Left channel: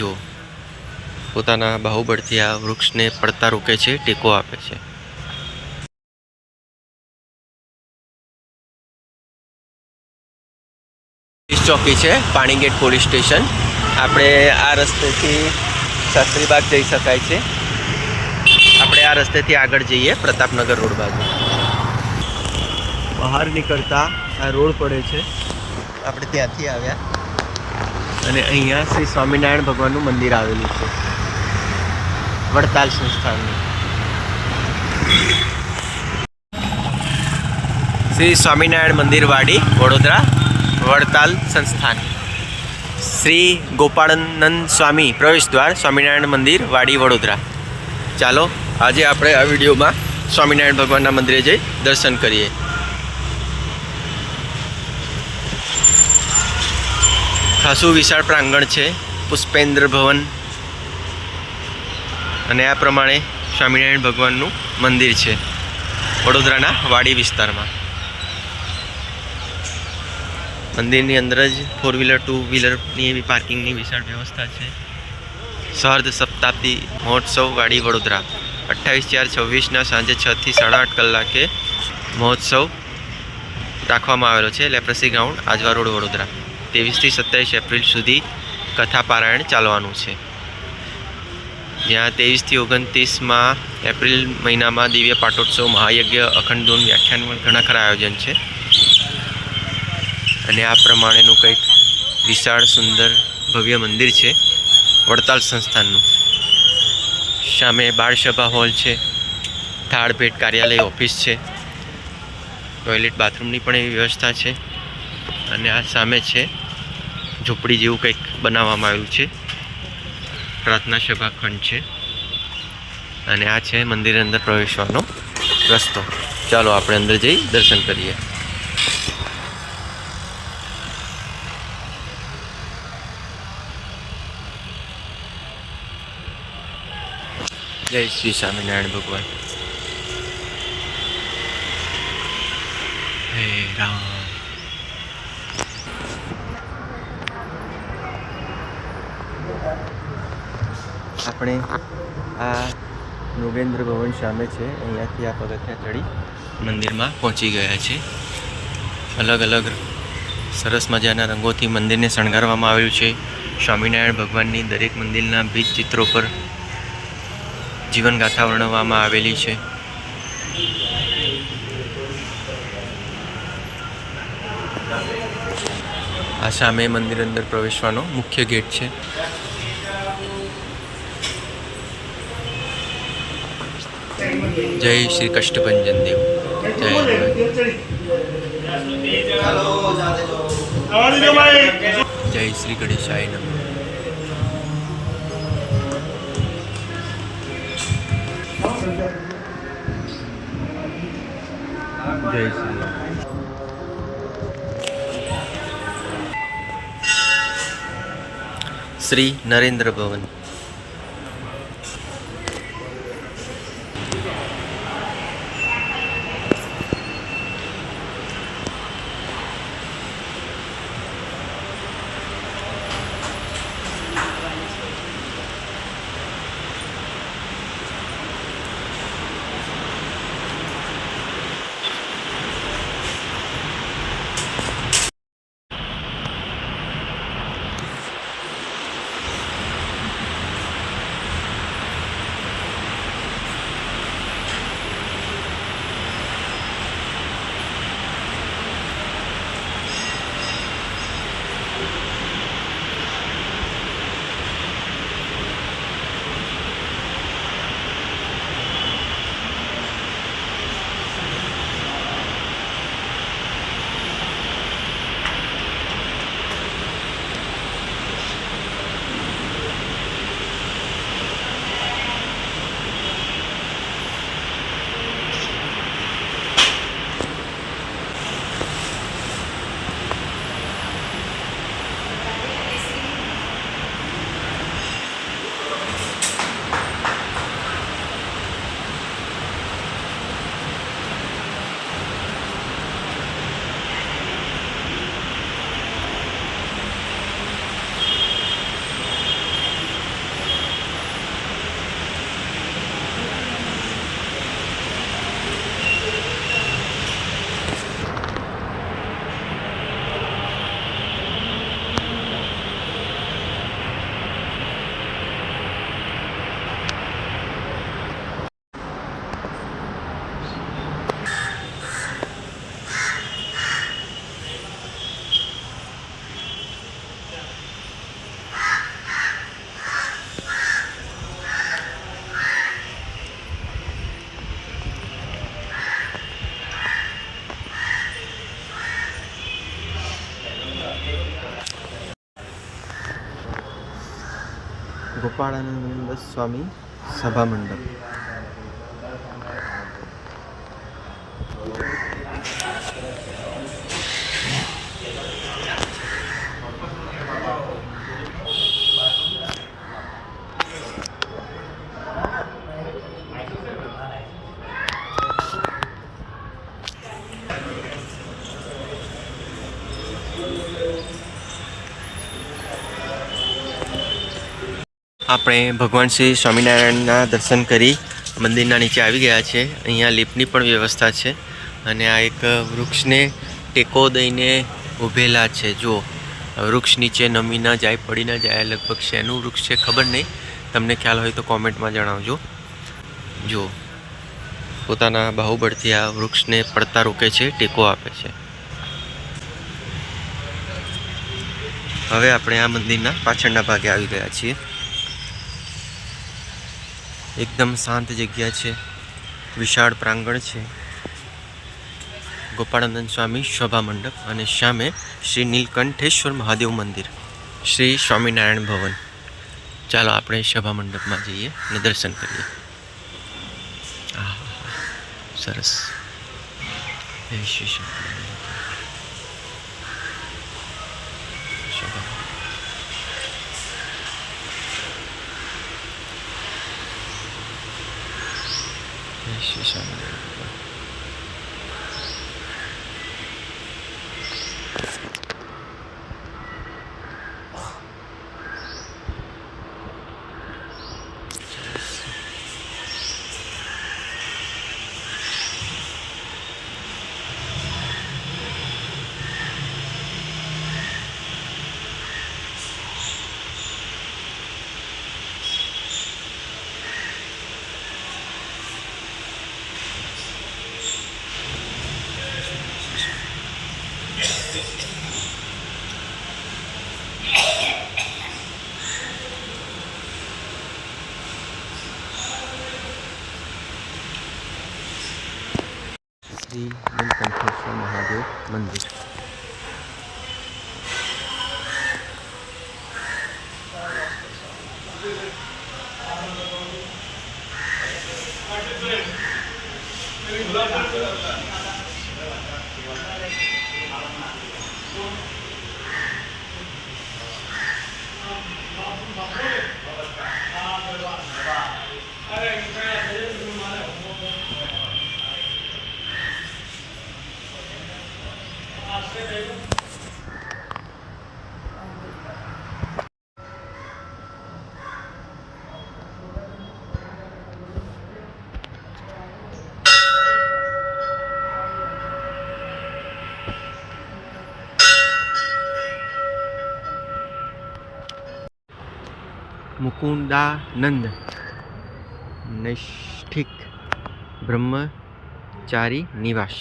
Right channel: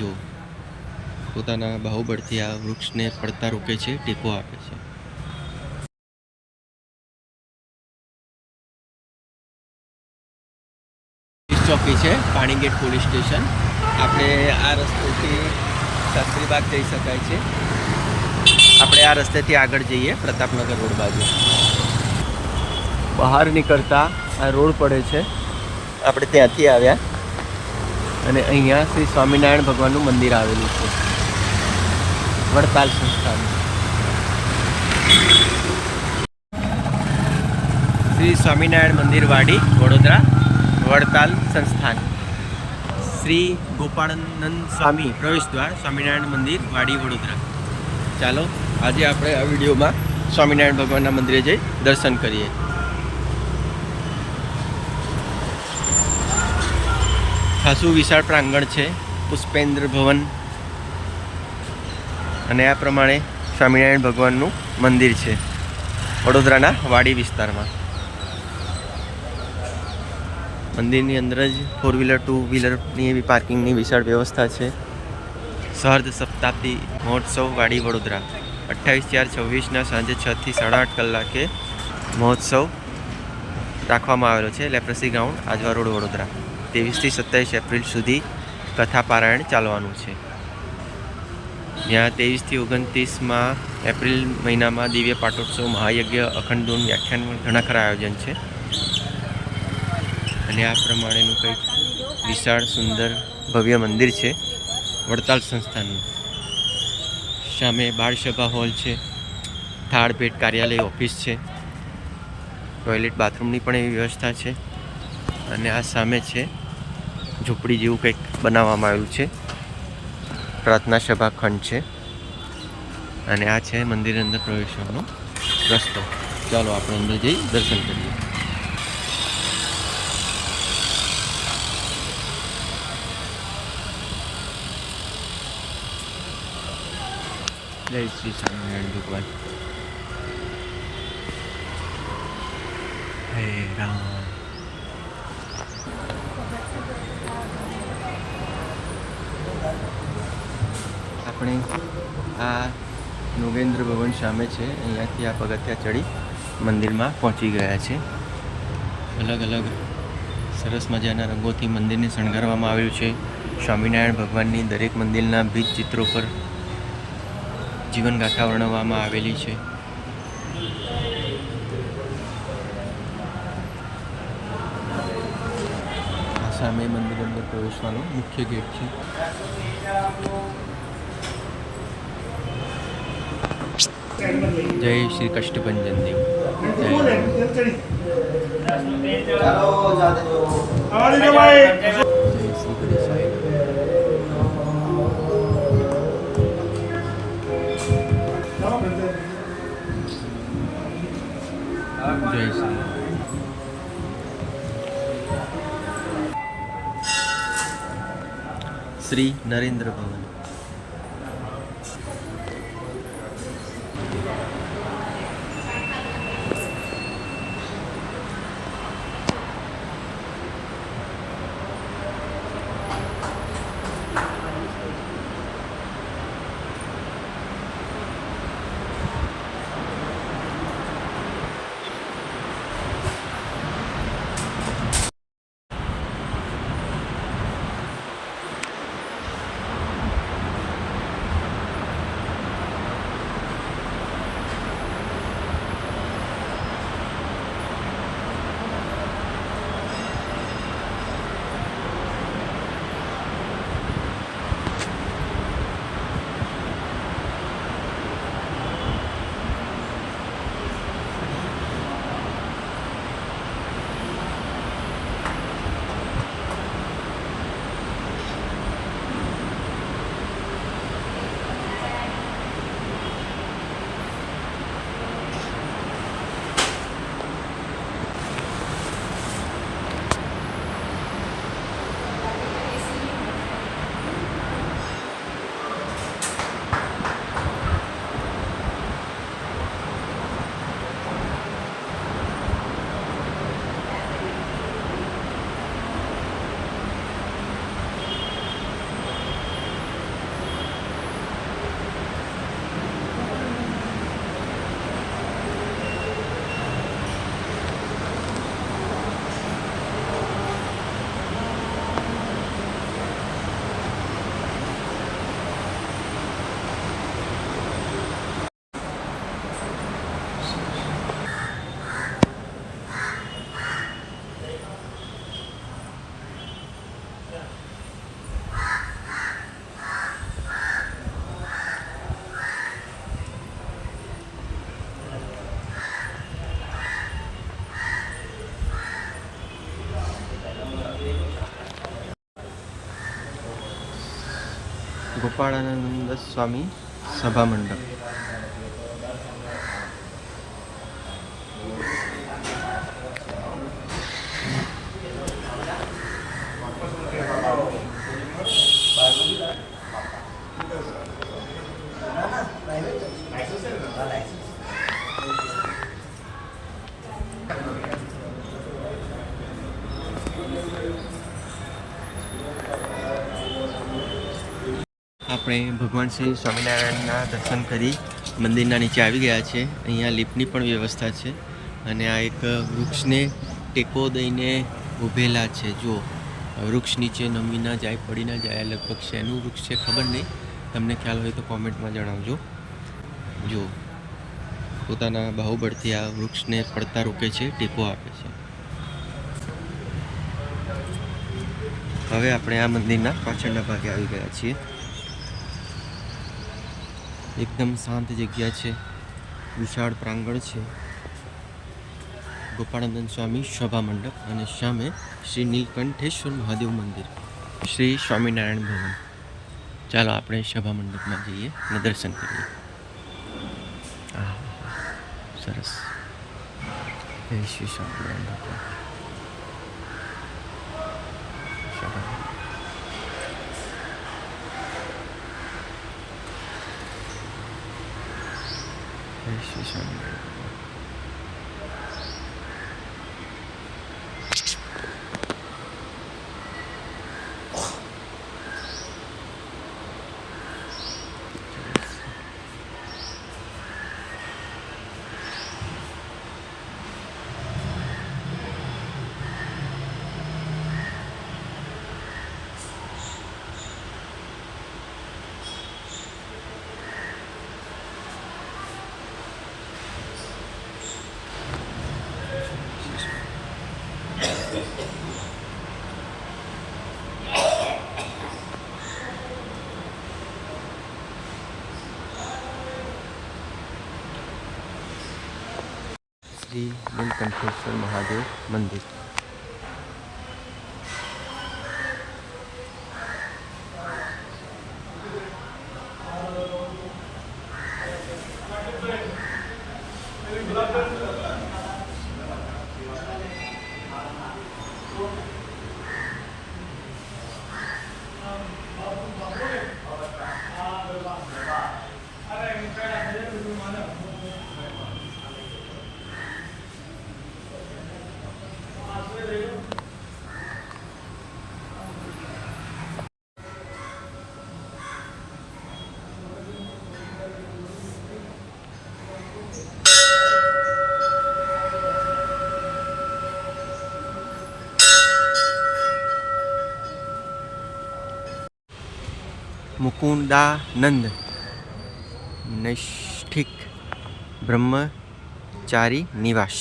જો પોતાના બાહુબળથી આ વૃક્ષને પડતા રોકે છે, ટેકો આપે છે. પોલીસ ચોકી છે, પાણીગેટ પોલીસ સ્ટેશન. આપણે આ રસ્તેથી શાસ્ત્રીબાગ જઈ શકાય છે. આપણે આ રસ્તેથી આગળ જઈએ પ્રતાપનગર રોડ બાજુ. બહાર નીકળતા આ રોડ પડે છે. આપણે ત્યાંથી આવ્યા અને અહીંયા શ્રી સ્વામિનારાયણ ભગવાનનું મંદિર આવેલું છે, વડતાલ સંસ્થાનનું. શ્રી સ્વામિનારાયણ મંદિર વાડી વડોદરા, વડતાલ સંસ્થાન. શ્રી ગોપાળાનંદ સ્વામી પ્રવેશ દ્વાર, સ્વામિનારાયણ મંદિર વાડી વડોદરા. ચાલો આજે આપણે આ વિડીયોમાં સ્વામિનારાયણ ભગવાનના મંદિરે જઈ દર્શન કરીએ. ખાસું વિશાળ પ્રાંગણ છે, પુષ્પેન્દ્ર ભવન, અને આ પ્રમાણે સ્વામિનારાયણ ભગવાનનું મંદિર છે વડોદરાના વાડી વિસ્તારમાં. મંદિરની અંદર જ 4 વ્હીલર 2 વ્હીલરની એવી પાર્કિંગની વિશાળ વ્યવસ્થા છે. સહર્દ સપ્તાબ્દી મહોત્સવ વાડી વડોદરા 28/4/26ના સાંજે 6 થી 8:30 કલાકે મહોત્સવ રાખવામાં આવેલો છે. Leprosy ground, Ajwa road, Vadodara. 23 થી 27 એપ્રિલ સુધી કથા પારાયણ ચાલવાનું છે. જ્યાં 23 થી 29 એપ્રિલ મહિનામાં દિવ્ય પાટોત્સવ, મહાયજ્ઞ, અખંડ ધૂન, વ્યાખ્યાન, ઘણા ખરા આયોજન છે. અને આ પ્રમાણેનું કંઈક વિશાળ સુંદર ભવ્ય મંદિર છે વડતાલ સંસ્થાનનું. સામે બાળસભા હોલ છે, થાળ ભેટ કાર્યાલય ઓફિસ છે, ટોયલેટ બાથરૂમની પણ એવી વ્યવસ્થા છે. અને આ સામે છે ઝૂંપડી જેવું કંઈક બનાવવામાં આવ્યું છે, પ્રાર્થના સભા ખંડ છે. અને આ છે મંદિરની અંદર પ્રવેશવાનો રસ્તો. ચાલો આપણે અંદર જઈ દર્શન કરીએ. જય શ્રી સ્વામિનારાયણ ભગવાન. હે રામ. આપણે આ નૃગેન્દ્ર ભવન સામે છે, અહીંયાથી આ પગથિયા ચડી મંદિરમાં પહોંચી ગયા છે. અલગ અલગ સરસ મજાના રંગોથી મંદિરને શણગારવામાં આવ્યું છે. સ્વામિનારાયણ ભગવાનની દરેક મંદિરના ભીત ચિત્રો પર જીવનગાથા વર્ણવવામાં આવેલી છે. આ સામે મંદિર અંદર પ્રવેશવાનો મુખ્ય ગેટ છે. જય શ્રી કષ્ટભંજન દેવ. જય જય શ્રી ગણેશાય નમઃ. જય શ્રી શ્રી નરેન્દ્ર ભવન. ગોપાળાનંદ સ્વામી સભા મંડપ. આપણે ભગવાન શ્રી સ્વામિનારાયણના દર્શન કરી મંદિરના નીચે આવી ગયા છે. અહીંયા લિફ્ટની પણ વ્યવસ્થા છે અને આ એક વૃક્ષને ટેકો દઈને ઊભેલા છે. જો વૃક્ષ નીચે નમી ન જાય, પડી ન જાય. લગભગ શેનું વૃક્ષ છે ખબર નહીં, તમને ખ્યાલ હોય તો કોમેન્ટમાં જણાવજો. જો પોતાના બાહુબળથી આ વૃક્ષને પડતા રોકે છે, ટેકો આપે છે. હવે આપણે આ મંદિરના પાછળના ભાગે આવી ગયા છીએ. એકદમ શાંત જગ્યા છે, વિશાળ પ્રાંગણ છે. ગોપાળાનંદ સ્વામી સભા મંડપ અને સામે શ્રી નીલકંઠેશ્વર મહાદેવ મંદિર, શ્રી સ્વામિનારાયણ ભવન. ચાલો આપણે સભા મંડપમાં જઈએ અને દર્શન કરીએ. હા, સરસ. જય શ્રી સ્વામિનારાયણ ભગવાન. સભા મંડપ. જય શ્રી સ્વામિનારાયણ ભગવાન. શ્રી નીલકંઠેશ્વર મહાદેવ મંદિર. મુકુંદાનંદ નૈષ્ઠિક બ્રહ્મચારી નિવાસ.